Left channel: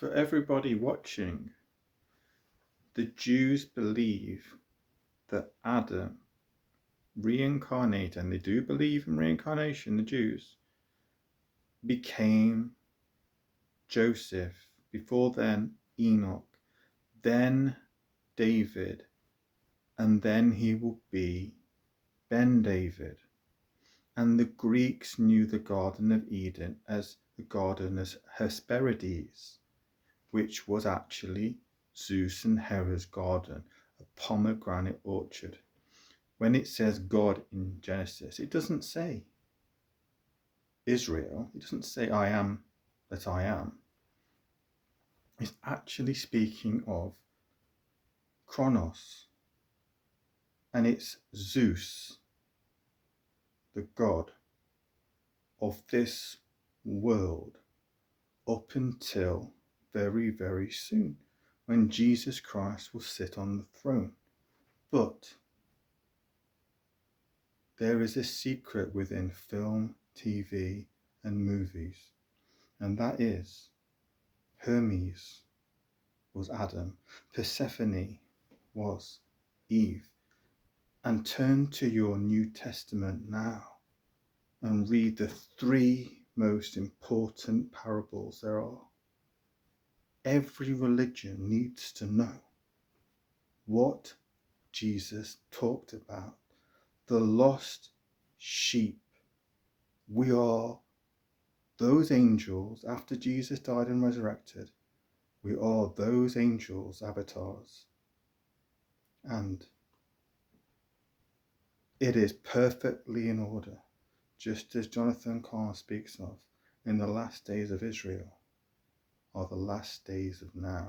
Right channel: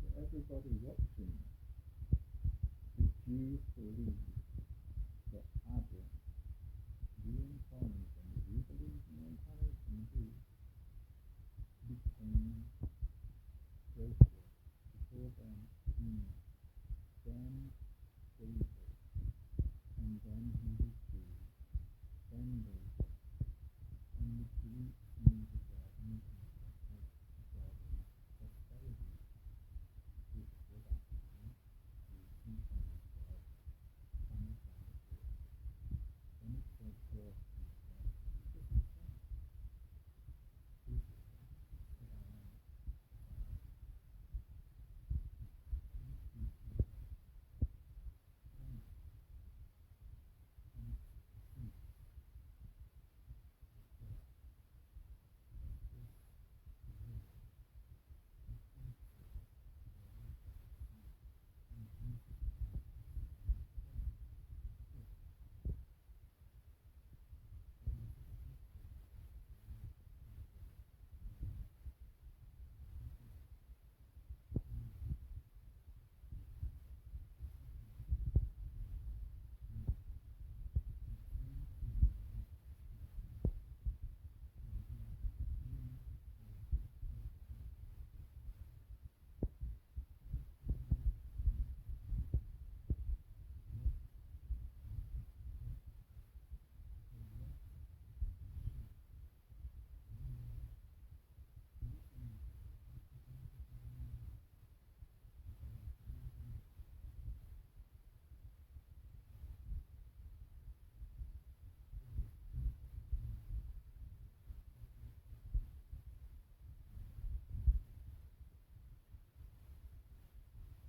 for everybody watching, the Jews believe that Adam reincarnated, and they do believe in reincarnation, the Jews, became Joseph, before then Enoch, then David, and then he will be Ben David. And the Greeks knew the Garden of Eden as the Garden of Hesperides, which was actually Zeus and Hera's garden, a pomegranate orchard. When it says God in Genesis, it doesn't say Israel, it doesn't say I am that I am. It's actually speaking of Kronos, and it's Zeus, the god of this world, up until very, very soon, when Jesus Christ will sit on the throne. But there is a secret within film, TV, and movies, and that is Hermes was Adam, Persephone was Eve. And turn to your New Testament now and read the 3 most important parables there are. Every religion needs to know what Jesus talked about. The lost sheep. We are those angels after Jesus died and resurrected. We are those angels' avatars. And it is perfectly in order, just as Jonathan Cahn speaks of, in the last days of Israel are the last days of now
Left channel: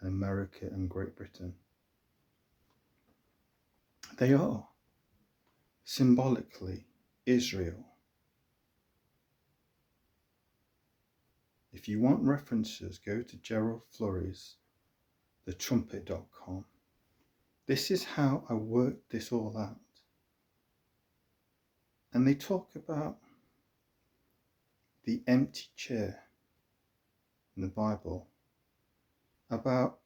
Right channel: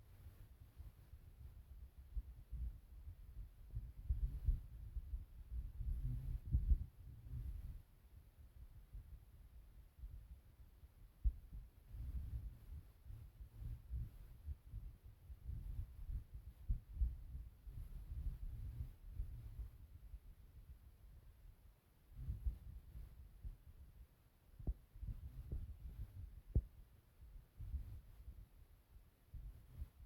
in America and Great Britain. They are symbolically Israel. If you want references, go to Gerald Flurry's thetrumpet.com. This is how I worked this all out. And they talk about the empty chair in the Bible, about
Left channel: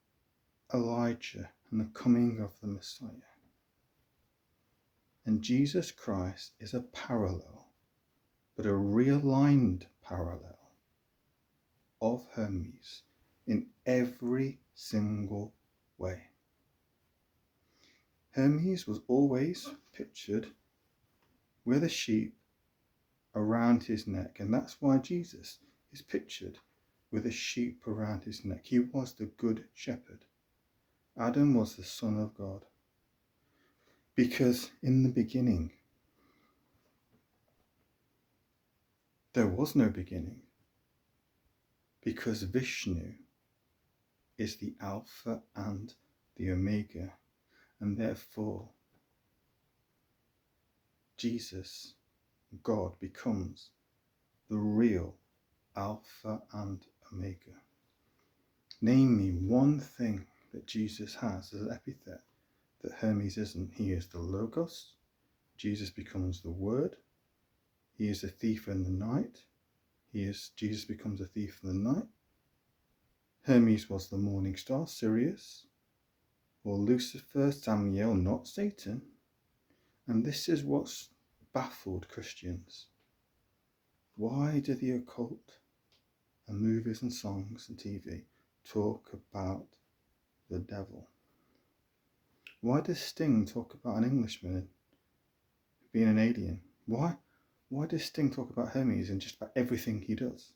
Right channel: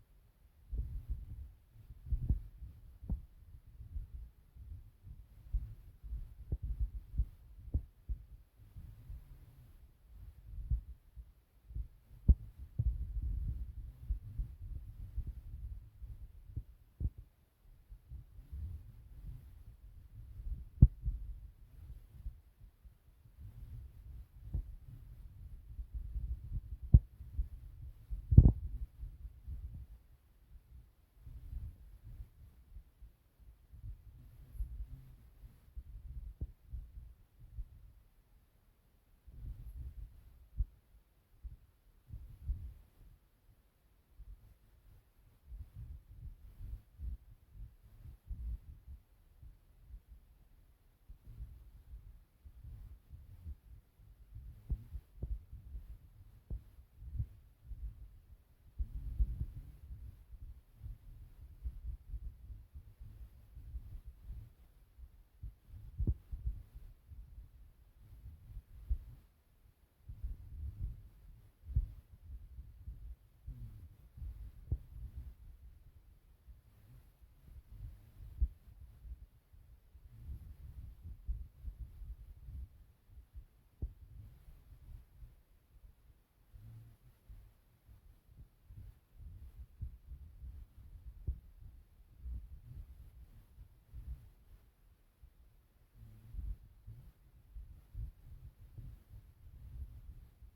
Elijah and the coming of the Messiah. And Jesus Christ is a parallel, but a realigned parallel of Hermes in every single way. Hermes was always pictured with a sheep around his neck, and that's why Jesus is pictured with a sheep around his neck. He was the good shepherd. Adam was the Son of God, because in the beginning there was no beginning, because Vishnu is the Alpha and the Omega, and therefore Jesus, God, becomes the real Alpha and Omega. Name me one thing that Jesus has as an epithet that Hermes isn't. He is the Logos. Jesus becomes the Word. He is a thief in the night. Jesus becomes a thief in the night. Hermes was the morning star, Sirius, or Lucifer, Samael, not Satan. And this is what's baffled Christians. Why do the occult and movies and songs and TV talk about the devil? Why does Sting talk about an Englishman being an alien? Why does Sting talk about Hermes in just about everything he does?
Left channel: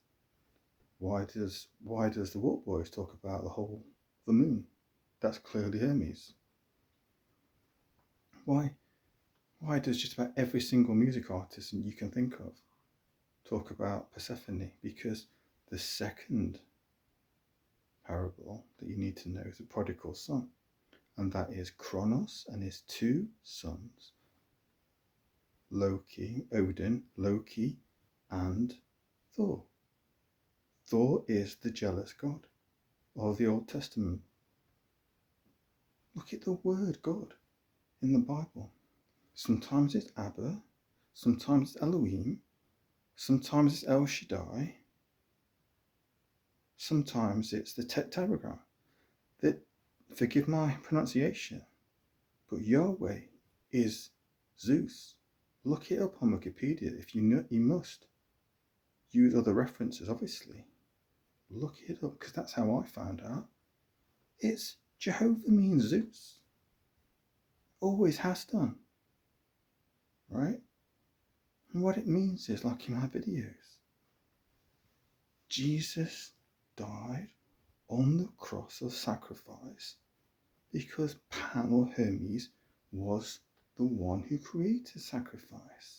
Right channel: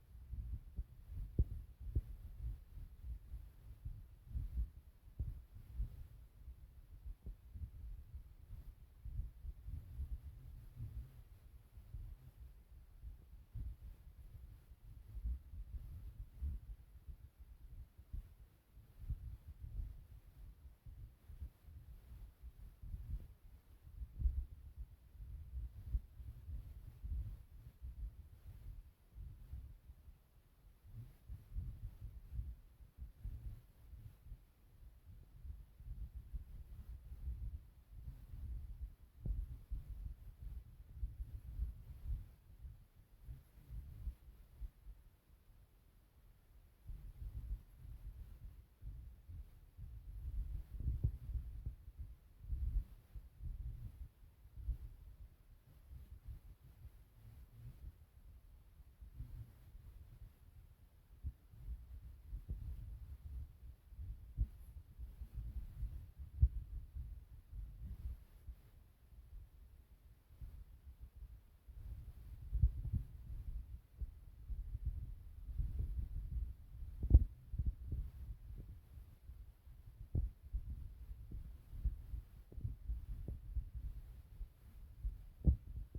Why does the Walk Boys talk about the moon? That's clearly Hermes. Why does just about every single music artist you can think of talk about Persephone? Because the second parable that you need to know is the prodigal son, and that is Kronos and his 2 sons, Odin, Loki, and Thor. Thor is the jealous god of the Old Testament. Look at the word God in the Bible. Sometimes it's Abba, sometimes it's Elohim, sometimes it's El Shaddai. Sometimes it's the tetragram. That, forgive my pronunciation, but Yahweh is Zeus. Look it up on Wikipedia if you know. You must use other references, obviously. Look it up, because that's how I found out. It's Jehovah means Zeus. Always has done. Right? And what it means is, like in my videos, Jesus died on the cross of sacrifice because Pan or Hermes was the one who created sacrifice.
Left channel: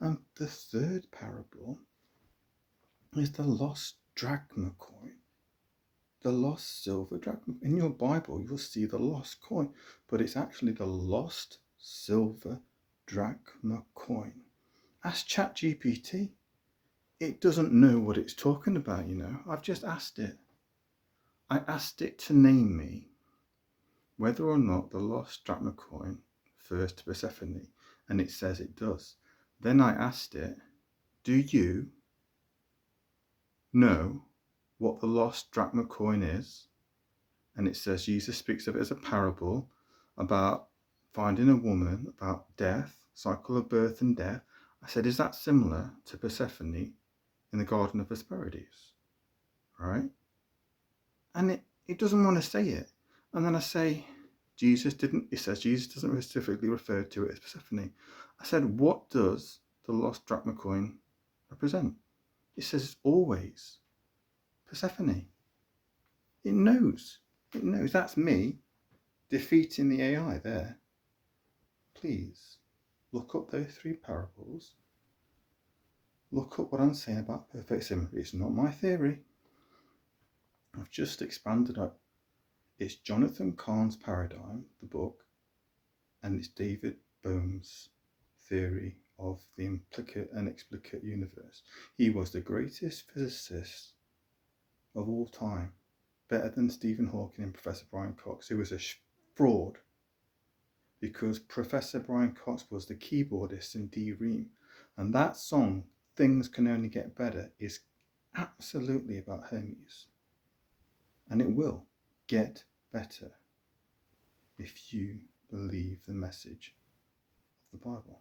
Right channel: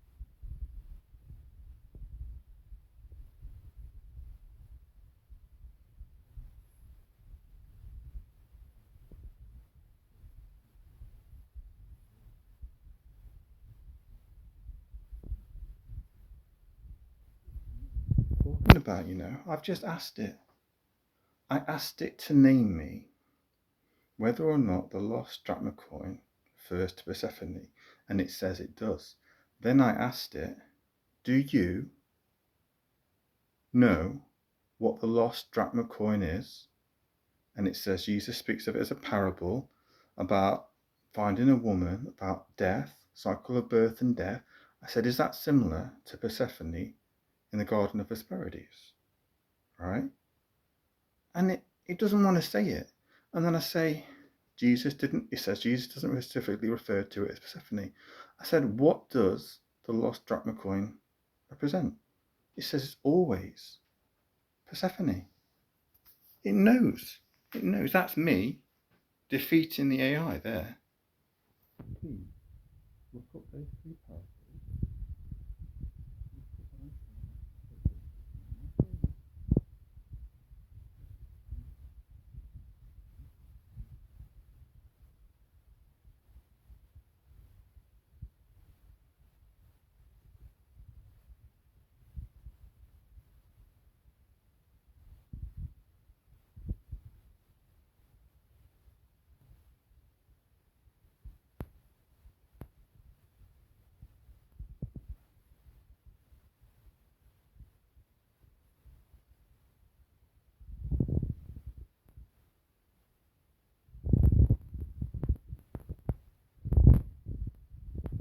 And the third parable is the lost drachma coin, the lost silver drachma. In your Bible, you'll see the lost coin, but it's actually the lost silver drachma coin. Ask ChatGPT. It doesn't know what it's talking about, I've just asked it. I asked it to name me whether or not the lost drachma coin refers to Persephone, and it says it does. Then I asked it, do you know what the lost drachma coin is? And it says Jesus speaks of it as a parable about finding a woman, about death, cycle of birth and death. I said, is that similar to Persephone in the Garden of Hesperides? Right? And it doesn't want to say it. And then I say, it says Jesus doesn't specifically refer to it as Persephone. I said, what does the lost drachma coin represent? It says it's always Persephone. It knows. It knows. That's me defeating the AI there. Please look up those three parables. Look up what I'm saying about perfect symmetry. It's not my theory. I've just expanded it. It's Jonathan Cahn's paradigm, the book, and it's David Bohm's theory of the implicate and explicate universe. He was the greatest physicist of all time, better than Stephen Hawking and Professor Brian Cox, who was a fraud, because Professor Brian Cox was the keyboardist in D-Ream, and that song, Things Can Only Get Better, is absolutely about Hermes, and it will get better if you believe the message of the Bible.